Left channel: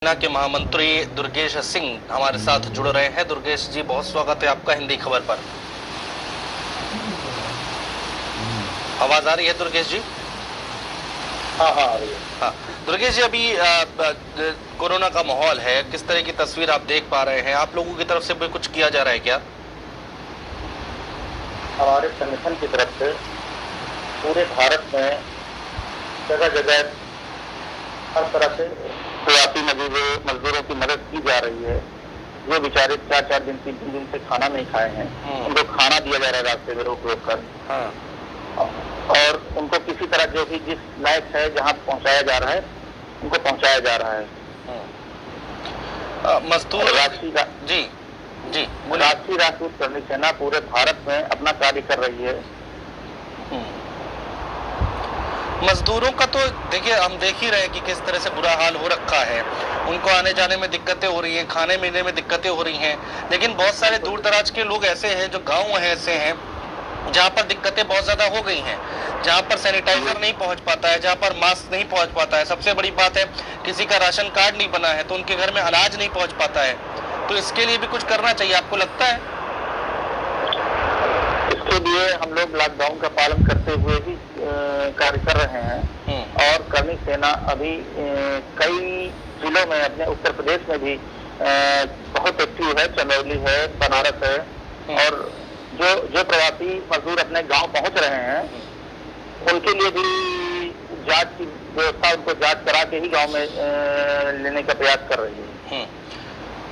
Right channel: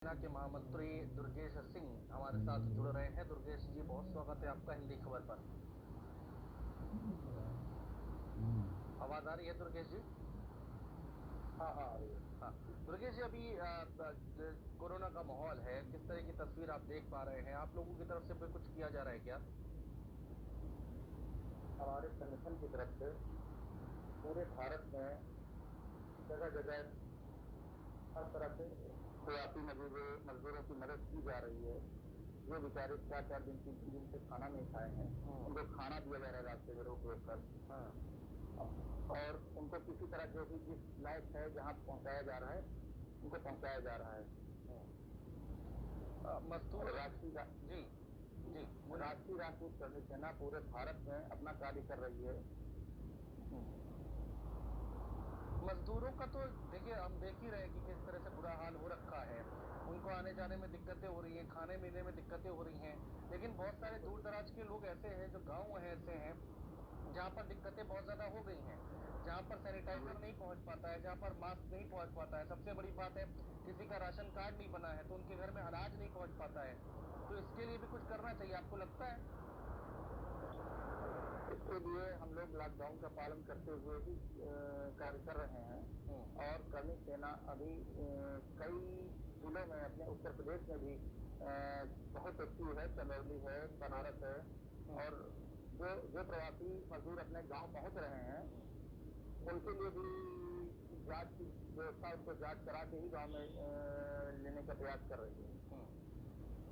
सेना के महामंत्री दुर्गेश सिंह हमारे साथ जुड़ रहे हैं। दुर्गेश जी, बहुत स्वागत है आपका हिंदी खबर पर। आवाज आ रही है दुर्गेश जी? हाँ हाँ आ रही है। हाँ दुर्गेश जी, अभी कोरोना का माहौल है, किस तरह की तस्वीर आप देख पा रहे हैं? आप लोगों की तरफ से भी कुछ किया जा रहा है क्या? हमारे संगठन की तरफ से पूरे भारत में जगह जगह हर तरह से प्रवासी मजदूरों की मदद की जा रही है। जो बेचारे 4-4 दिन 3-3 दिन से खाना नहीं खाए हैं, उनको खाना दिया जा रहा है रास्ते में रोक रोक कर। हाँ। और उनको किसी तरह जो भी जिस लायक है जहाँ पहुँचाया जा रहा है उनको पहुँचाया जा रहा है। मजदूर राष्ट्रीय राष्ट्रीय करनी सेना पूरे भारत में अपना कार्य कर रही है। मजदूरों का तो देखिए, हम देख ही रहे हैं कि किस तरह से बुरा हाल हो रखा है। उनको आने जाने में दिक्कतें हो रही हैं, खाने पीने में दिक्कतें हो रही हैं। लेकिन बहुत सारे दूर दराज के लोग ऐसे हैं, जो गांव ऐसे हैं जहां पर दिक्कतें बहुत ज्यादा हो गई हैं, जहां पर सैनिटाइजर नहीं पहुंच पाता है, जहां पर मास्क नहीं पहुंच पाता है। सबसे बड़ी बात है, किसी का राशन कार्ड नहीं बना है तो उनके घर में अनाज नहीं पहुंच पाता है। तो इसके लिए भी कुछ करना चाहिए, आपको लगता है? इसके लिए हम लोग लॉकडाउन का पालन करते हुए भी कार्य कर रहे हैं। और करनी सेना अभी कई जिलों में, अपने उत्तर प्रदेश में भी बहुत एक्टिव है। चंदौली है, बनारस है। और जो प्रवासी मजदूर अपने गांव पहुंच रहे हैं उनके लिए भी जांच की व्यवस्था, उनको जांच करा के ही गांव में लेने का प्रयास कर रही है।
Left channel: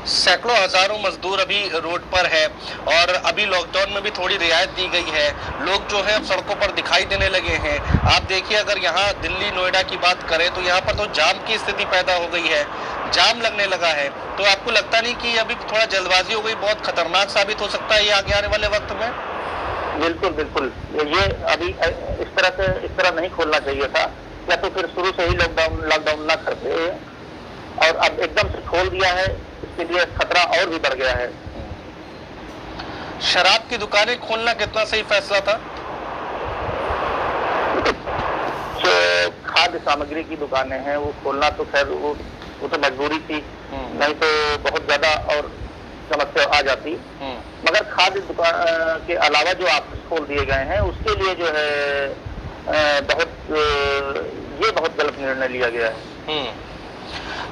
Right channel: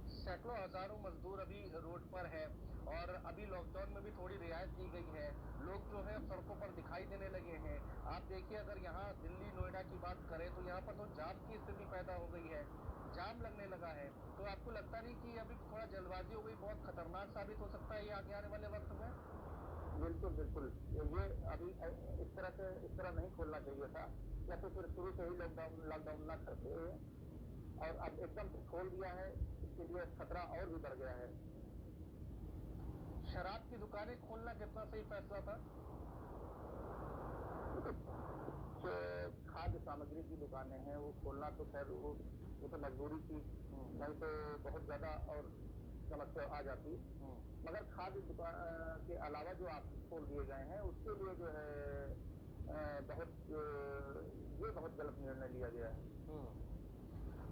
सैकड़ों हजारों मजदूर अभी रोड पर है और अभी लॉकडाउन में भी थोड़ी रियायत दी गई है। लोग जो है अब सड़कों पर दिखाई देने लगे हैं। आप देखिए, अगर यहाँ दिल्ली नोएडा की बात करें तो यहाँ पर तो जाम की स्थिति पैदा हो गई है, जाम लगने लगा है। तो आपको लगता नहीं कि अभी थोड़ा जल्दबाजी हो गई, बहुत खतरनाक साबित हो सकता है ये आगे आने वाले वक्त में? बिल्कुल बिल्कुल, ये अभी इस तरह नहीं खोलना चाहिए था, या तो फिर शुरू से ही लॉकडाउन ना करते और अब एकदम से खोल दिया है। इसके लिए खतरा और भी बढ़ गया है। शराब की दुकानें खोलना कितना सही फैसला था? जो खाद्य सामग्री की दुकानें हैं वो खोलना तो खैर वो तो मजबूरी थी, नहीं तो बहुत ज्यादा और समस्या आ जाती। मगर खाद्य दुकान के अलावा जो ऑफिस खोल दिए गए हैं उसके लिए जो है बहुत गलत निर्णय लिया गया है।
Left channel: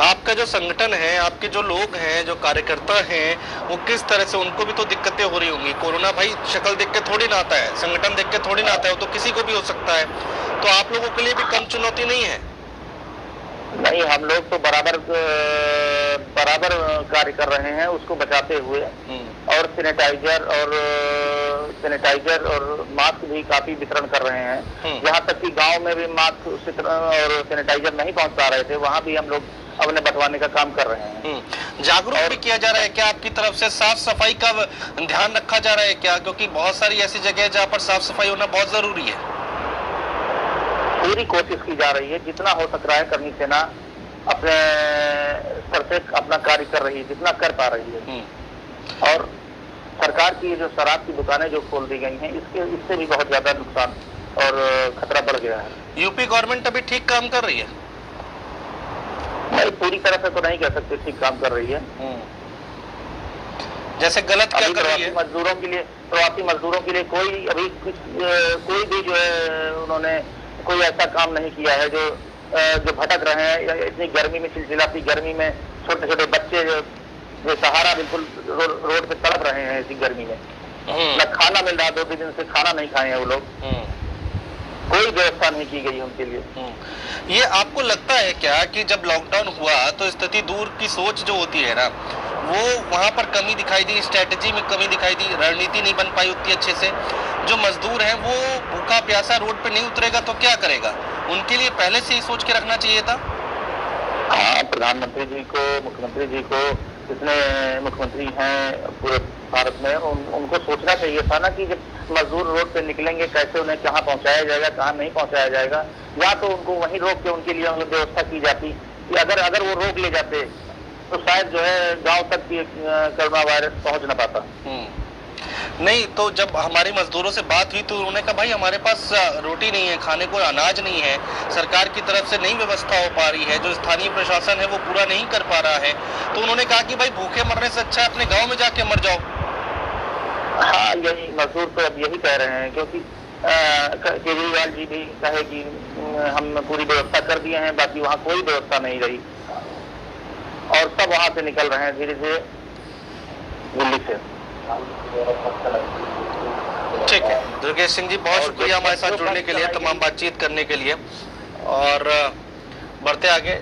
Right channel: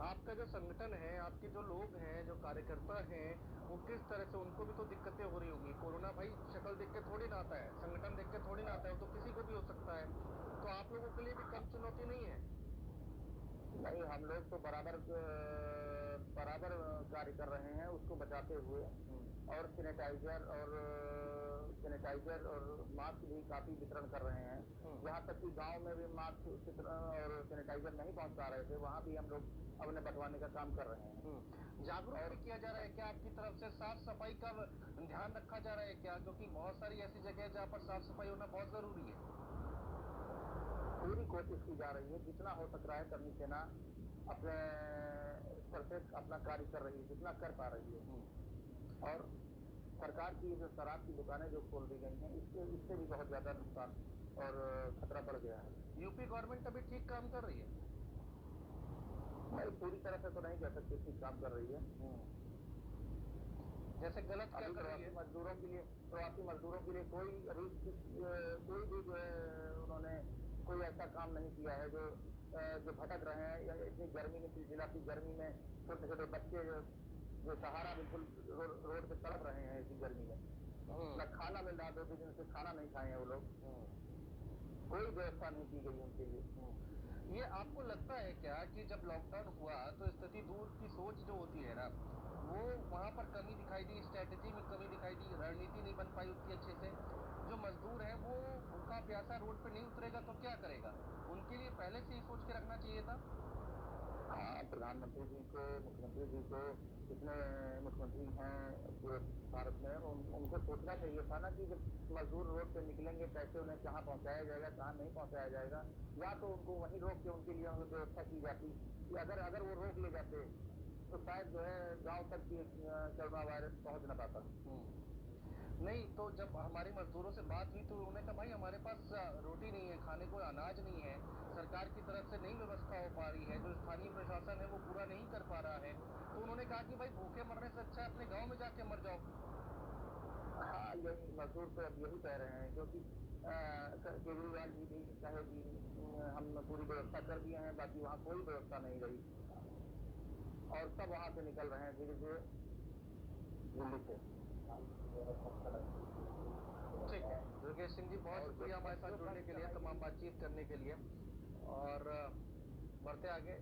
आपका जो संगठन है, आपके जो लोग हैं, जो कार्यकर्ता हैं, वो किस तरह से, उनको भी तो दिक्कतें हो रही होंगी। कोरोना भाई शक्ल देख के थोड़ी ना आता है, संगठन देख के थोड़ी ना आता है, वो तो किसी को भी हो सकता है। तो आप लोगों के लिए भी कम चुनौती नहीं है? नहीं, हम लोग तो बराबर कार्य कर रहे हैं उसको बचाते हुए। और सैनिटाइजर और मास्क भी काफी वितरण कर रहे हैं। यहाँ तक कि गांव में भी मास्क और सैनिटाइजर नहीं पहुंच पा रहे थे, वहाँ भी हम लोग अपने बंटवाने का काम कर रहे हैं। जागरूक भी किया जा रहा है क्या आपकी तरफ से? साफ सफाई का ध्यान रखा जा रहा है क्या? क्योंकि बहुत सारी ऐसी जगह है जहाँ पर साफ सफाई होना बहुत जरूरी है। पूरी कोशिश की जा रही है, जितना हो सक रहा है करनी सेना अपने स्तर से अपना कार्य कर रही है, जितना कर पा रही है। और सरकार की जो शराब की दुकानें जो खोल दी गई हैं, इससे भी बहुत ज्यादा नुकसान और खतरा बढ़ गया है। यूपी गवर्नमेंट अभी ठीक काम कर रही है? नहीं, पूरी तरह से तो नहीं कह सकते ठीक काम कर रही है। जैसे गलत क्या कर रही है? प्रवासी मजदूरों के लिए कोई भी जो है उन्होंने कोई ऐसा काम नहीं किया है जो भटक रहे हैं। इतनी गर्मी में, चिलचिलाती गर्मी में छोटे छोटे बच्चे जो सहारा बिल्कुल रोड पे तड़प रहे हैं इसी गर्मी में। न खाना मिल रहा, 2 दिन से खाना नहीं खाए हैं वो लोग। कोई व्यवस्था नहीं की गई उनके लिए। ये आपको लगता है क्या कि जब लॉकडाउन हुआ तो स्थिति दूर की सोच जो होती है ना, वो वहां पर कमी दिखाई दी, स्ट्रेटेजी में कमी दिखाई दी, रणनीति नहीं बन पाई उतनी अच्छे से? जो मजदूर है वो भूखा प्यासा रोड पे नहीं उतरेगा तो क्या करेगा? उनके लिए पहले से ही सोच के रखना चाहिए था। हाँ, प्रधानमंत्री जी को, मुख्यमंत्री जी को, जितने मुख्यमंत्री हैं पूरे भारत में, उनको सोचना चाहिए था ना कि जब मजदूर रोड पे निकलेंगे कैसे उन्हें कहाँ पहुँचाया जाएगा, कहाँ नहीं पहुँचाया जाएगा। या तो उनको वहीं रोक के उनके लिए व्यवस्था की जाती कि अगर वो रोक ले जाते तो शायद जो है गांव तक कोरोना वायरस पहुँच न पाता। नहीं, तो जब हमारी मजदूरों से बात हुई तो उन्होंने कहा भाई हमारे पास रोटी नहीं है, खाने को अनाज नहीं है, सरकार की तरफ से नहीं व्यवस्था हो पा रही है, जो स्थानीय प्रशासन है वो पूरा नहीं कर पा रहा है। तो उन्होंने कहा कि भाई भूखे मरने से अच्छा है अपने गांव में जाके मर जाओ। हाँ, यही मजदूर तो अब यही कह रहे हैं, क्योंकि केजरीवाल जी भी कहे कि हम पूरी व्यवस्था कर दिए हैं, बाकी वहाँ कोई व्यवस्था नहीं रही और सब वहाँ से निकल रहे हैं धीरे धीरे दिल्ली से। ठीक है दुर्गेश सिंह जी, बहुत शुक्रिया हमारे साथ जुड़ने के लिए, तमाम बातचीत करने के लिए, और बढ़ते आगे।